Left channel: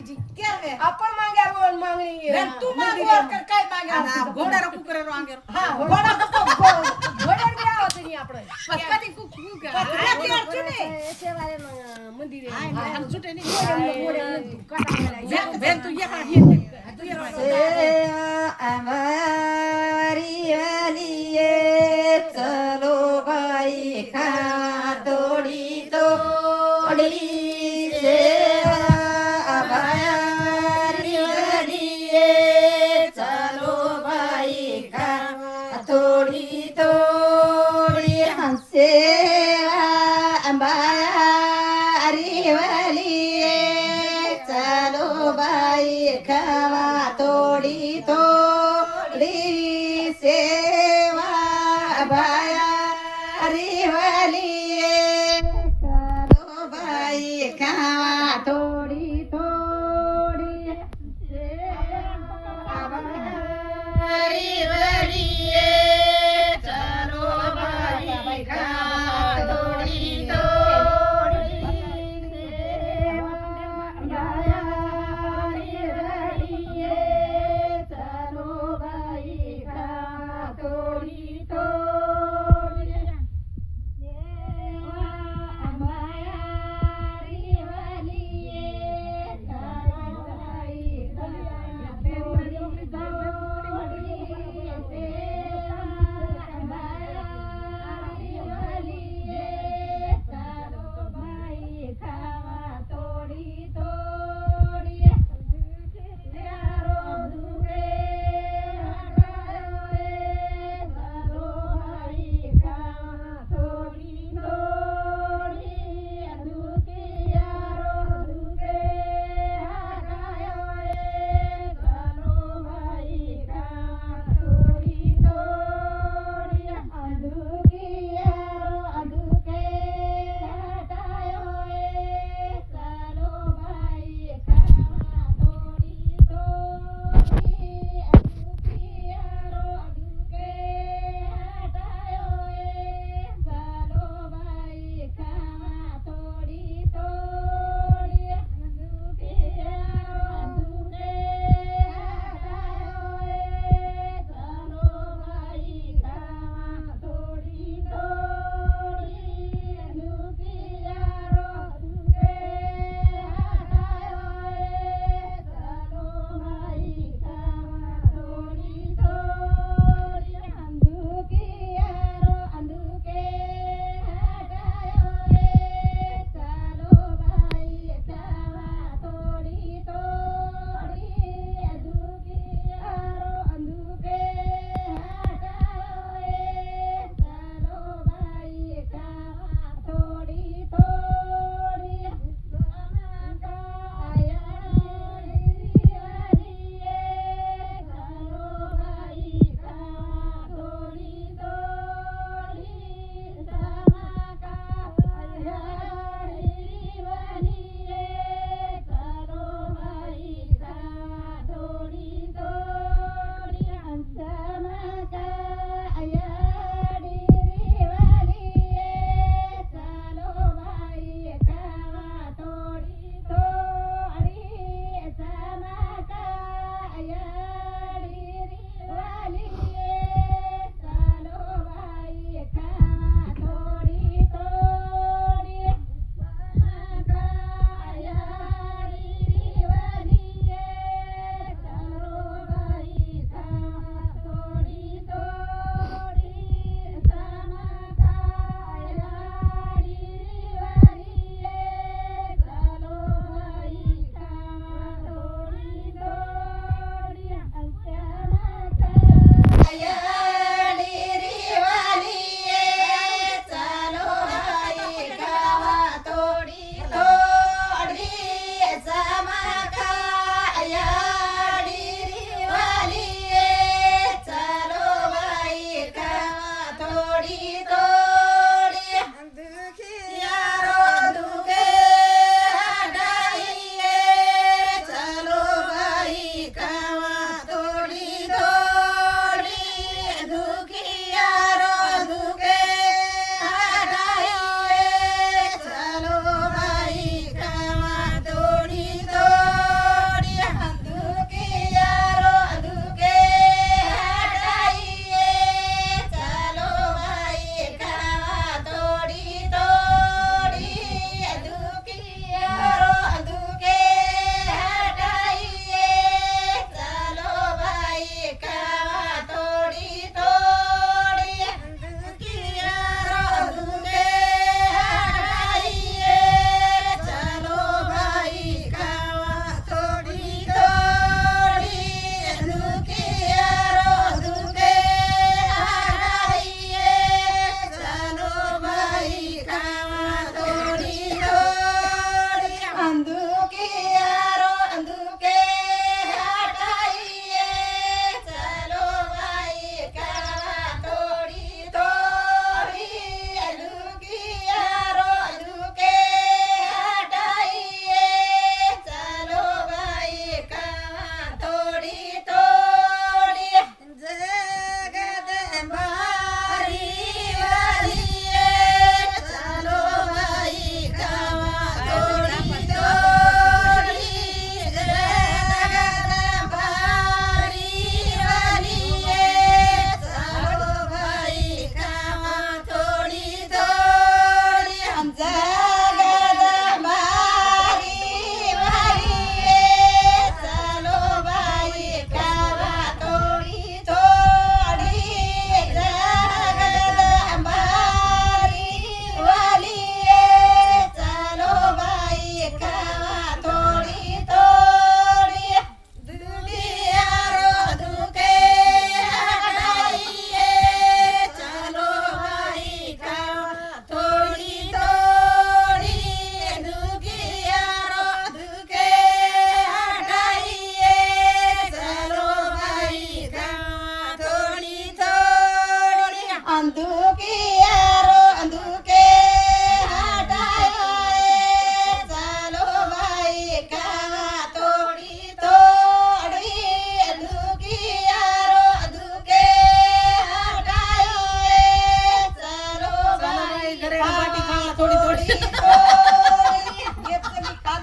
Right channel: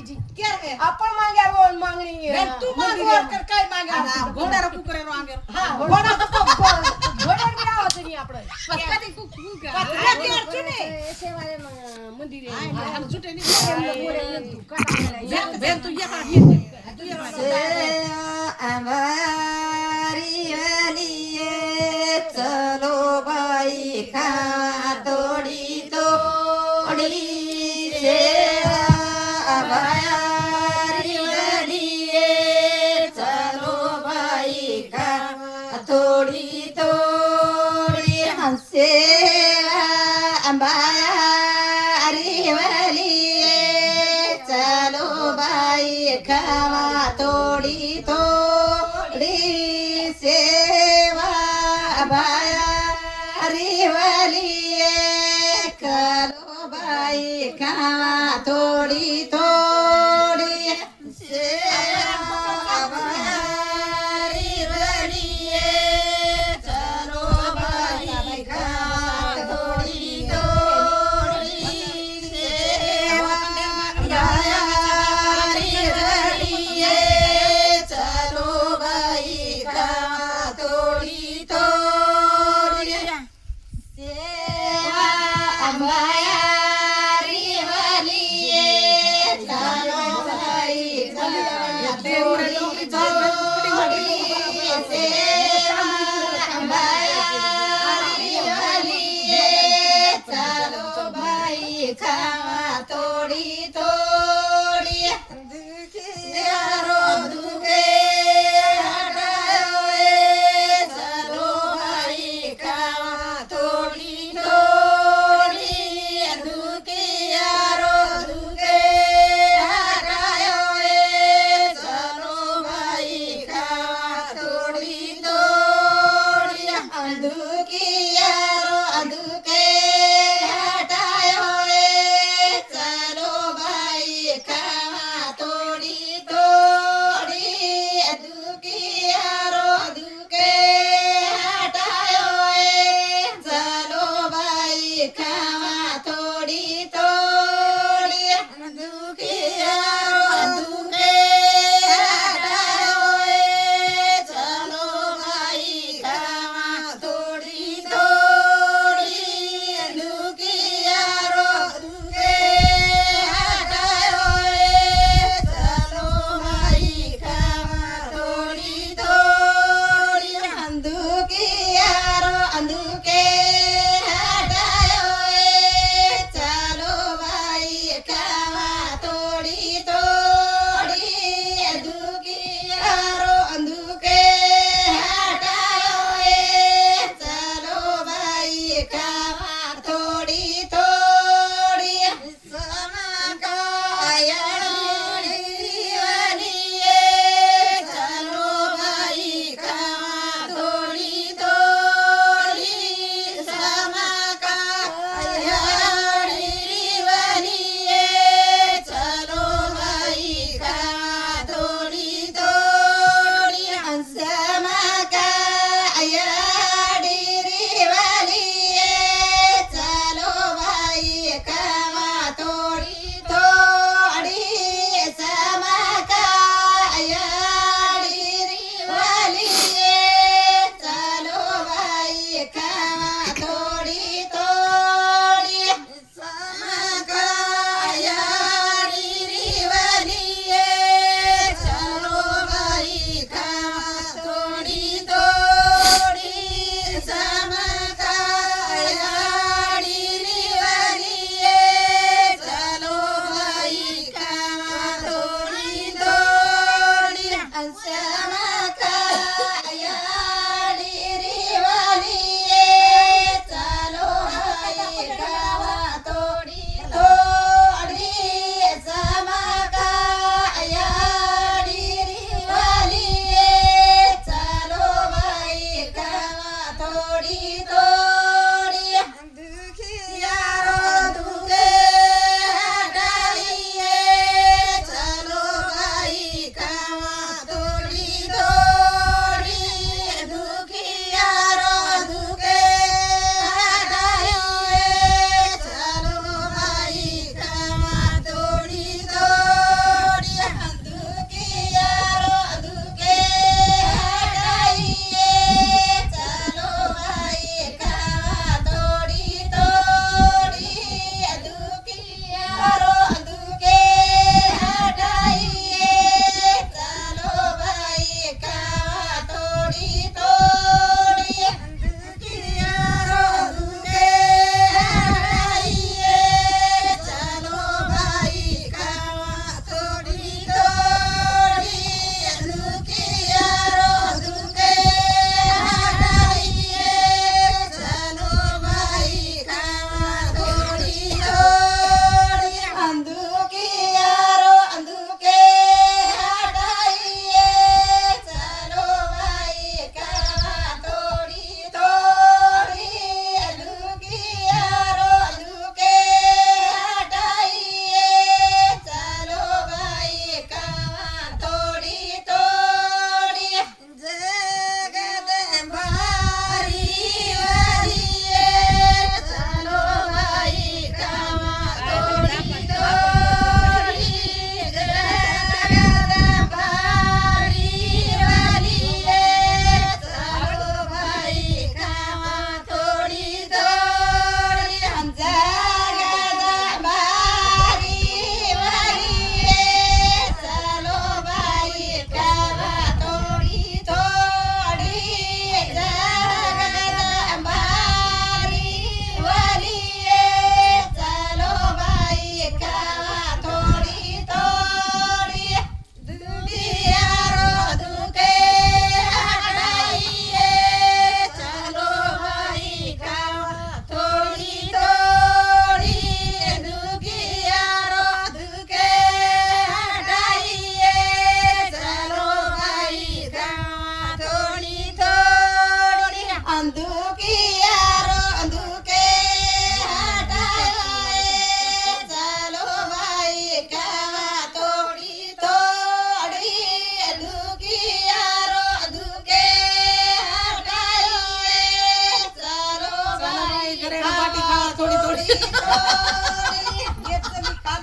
बाकीची केर गे आपण माग्यावर वळून मागणी तू मागवर कर काय मागे घोडार कुकरे वांगे हा घोडा घोड्यावर बी आवाज नाही आपण कधी कुकू का पत्रा केर केर तुने सेवाले मंदिर आहे हम सुटे घोड्यावर नहीं तू काटा बेन तू ये का हिंद तू ये का हमारी वालिए चलो भाई खावा तोड़ी तोड़ी से हमारी वालिए चलो भाई खावा तोड़ी तोड़ी हमसे हमारी वालिए चलो भाई खावा तोड़ी तोड़ी सेवा भाई वालिए करो भाई खावा तोड़ी तोड़ी सेवा भाई वालिए चलो भाई खावा तोड़ी तोड़ी सेवा भाई वालिए चलो भाई खावा तोड़ी तोड़ी सेवा